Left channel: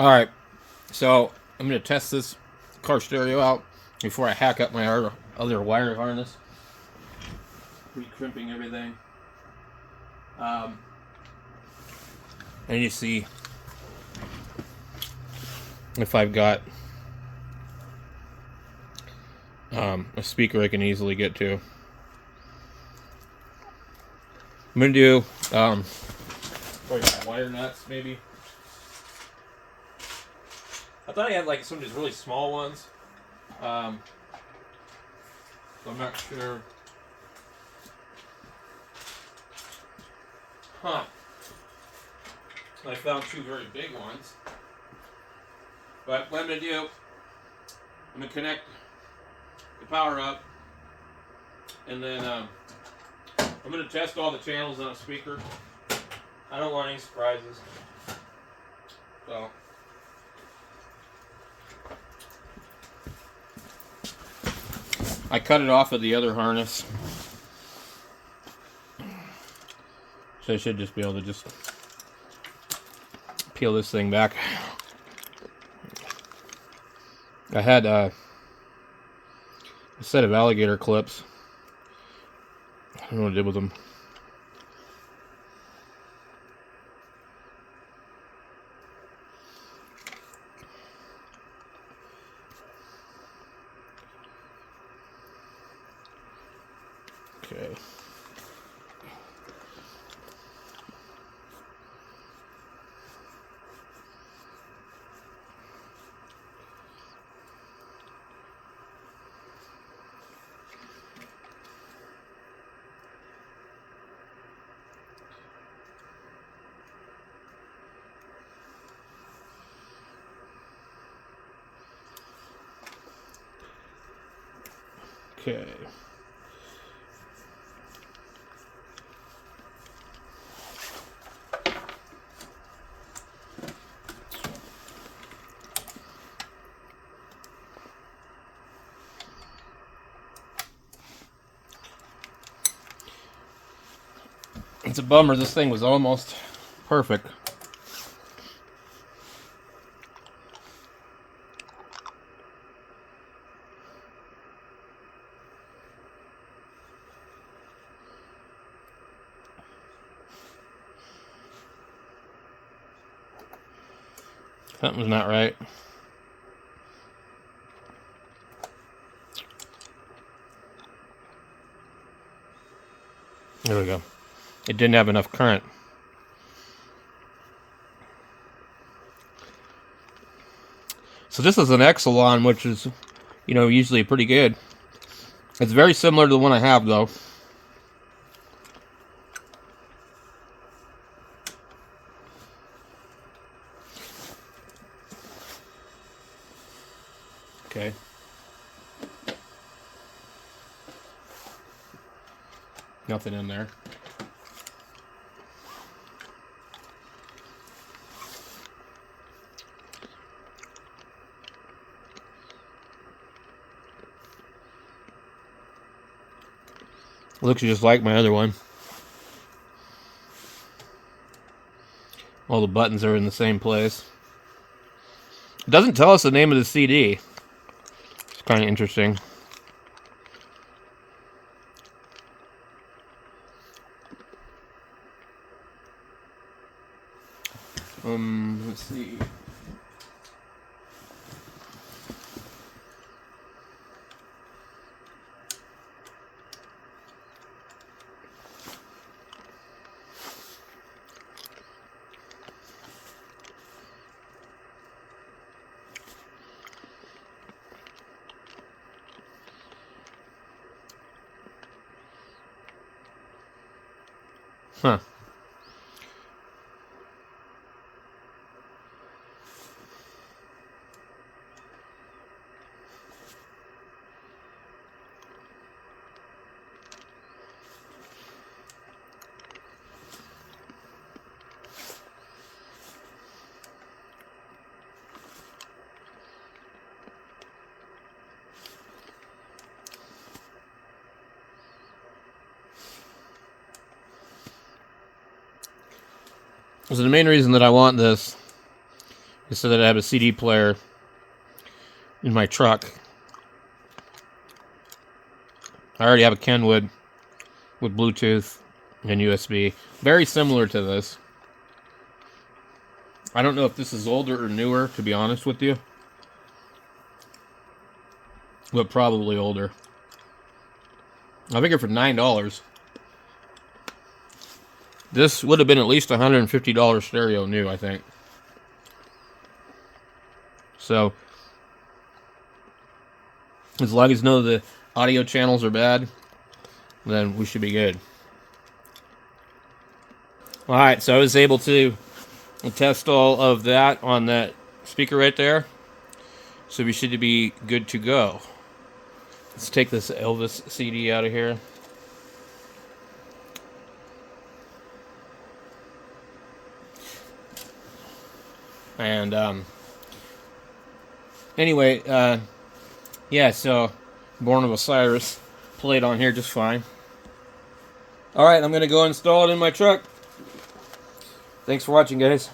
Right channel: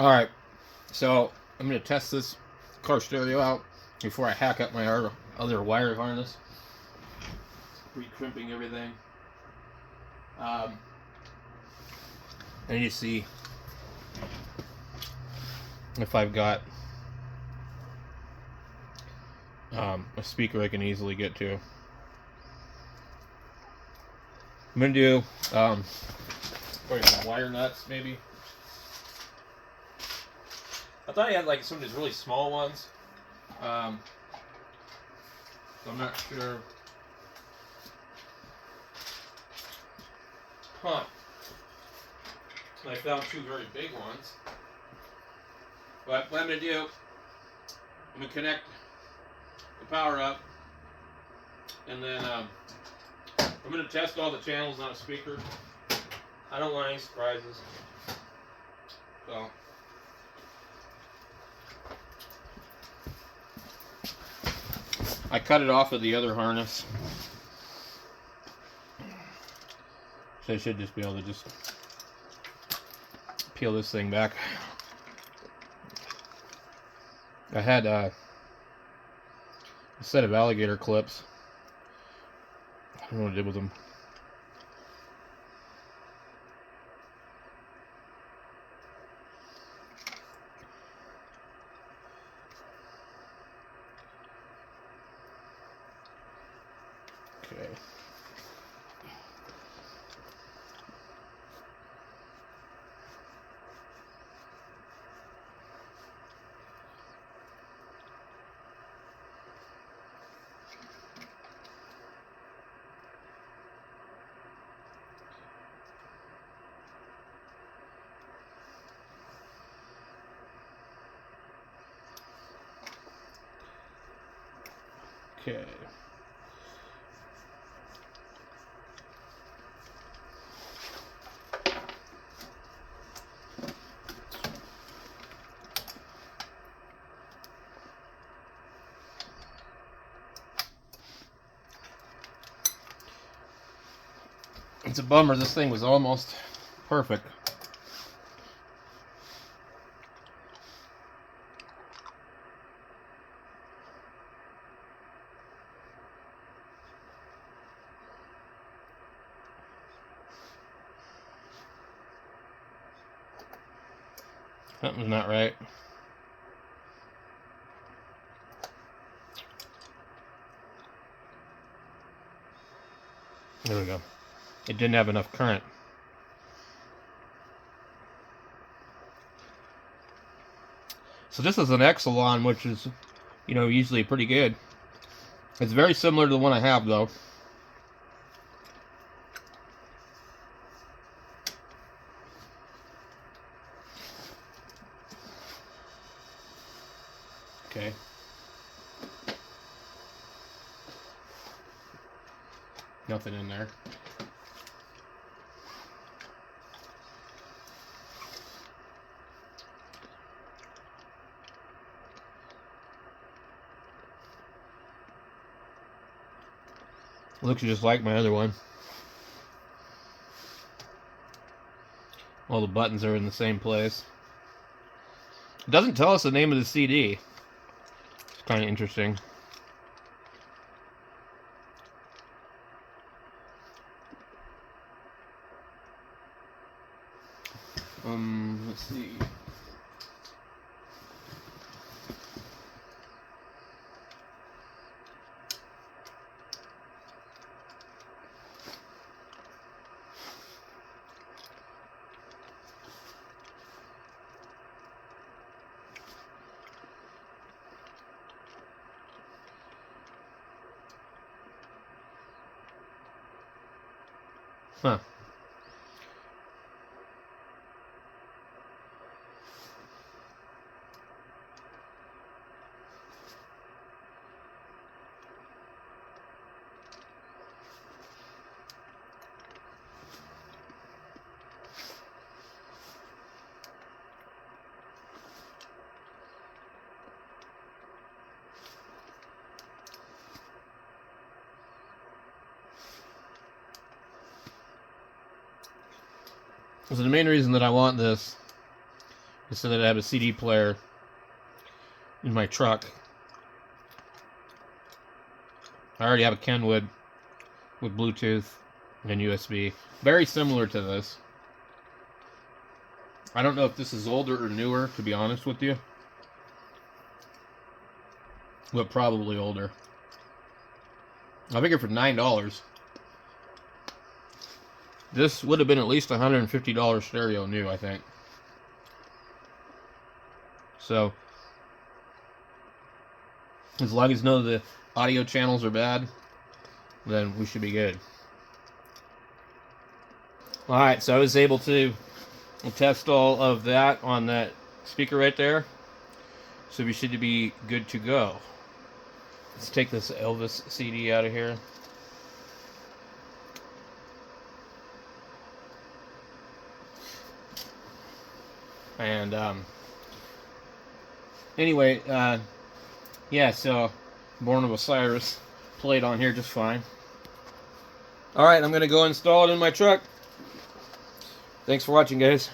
Alright, so I'm going to test this car stereo out before I hack up my other wire harness. Pre-crimping everything. And you see if I've got a speaker I can easily get to. I'm going to do probably some wire nuts, maybe. I thought I had like some of these really small ones. So I'm not sure. Huh. I found two very big ones. But what I'm going to do, I'm going to connect the power up. And then I'm going to test all the channels on a speaker. I don't want any surprises. So. I cut it off of the other harness. So I should just be able to just peel this thing back. I had a set of alligator clips. I don't know what I did with them. Okay. Okay. It's a bummer, this thing was almost perfect. Something's not right. There we go. It didn't have enough current. So this is an Excelon, which is, you know, usually pretty good. It's very similar to the one I have, though. Okay. Nothing in there. Looks just like my other one. All the buttons are in the same place. It doesn't tell us the name of the CD. It's kind of interesting. Let's see. Huh. So the main reason that I want this so that I have a CD player in my truck. I already have a Kenwood with Bluetooth and USB. Very similar to this. I don't know if this is older or newer, to be honest with you. But probably older. I figure for $9. This would have been at least $150 stereo new, I think. So, as long as none of the audio channels are bad, then we should be good. Alright, so I was able to test all of that on that speaker right there. So we should be good to go. Let's take this Elvis CD out of here. And anyway, yeah, so Born of Osiris played on here just fine. Alright, I'm going to go install it in my truck. Thanks for watching, guys.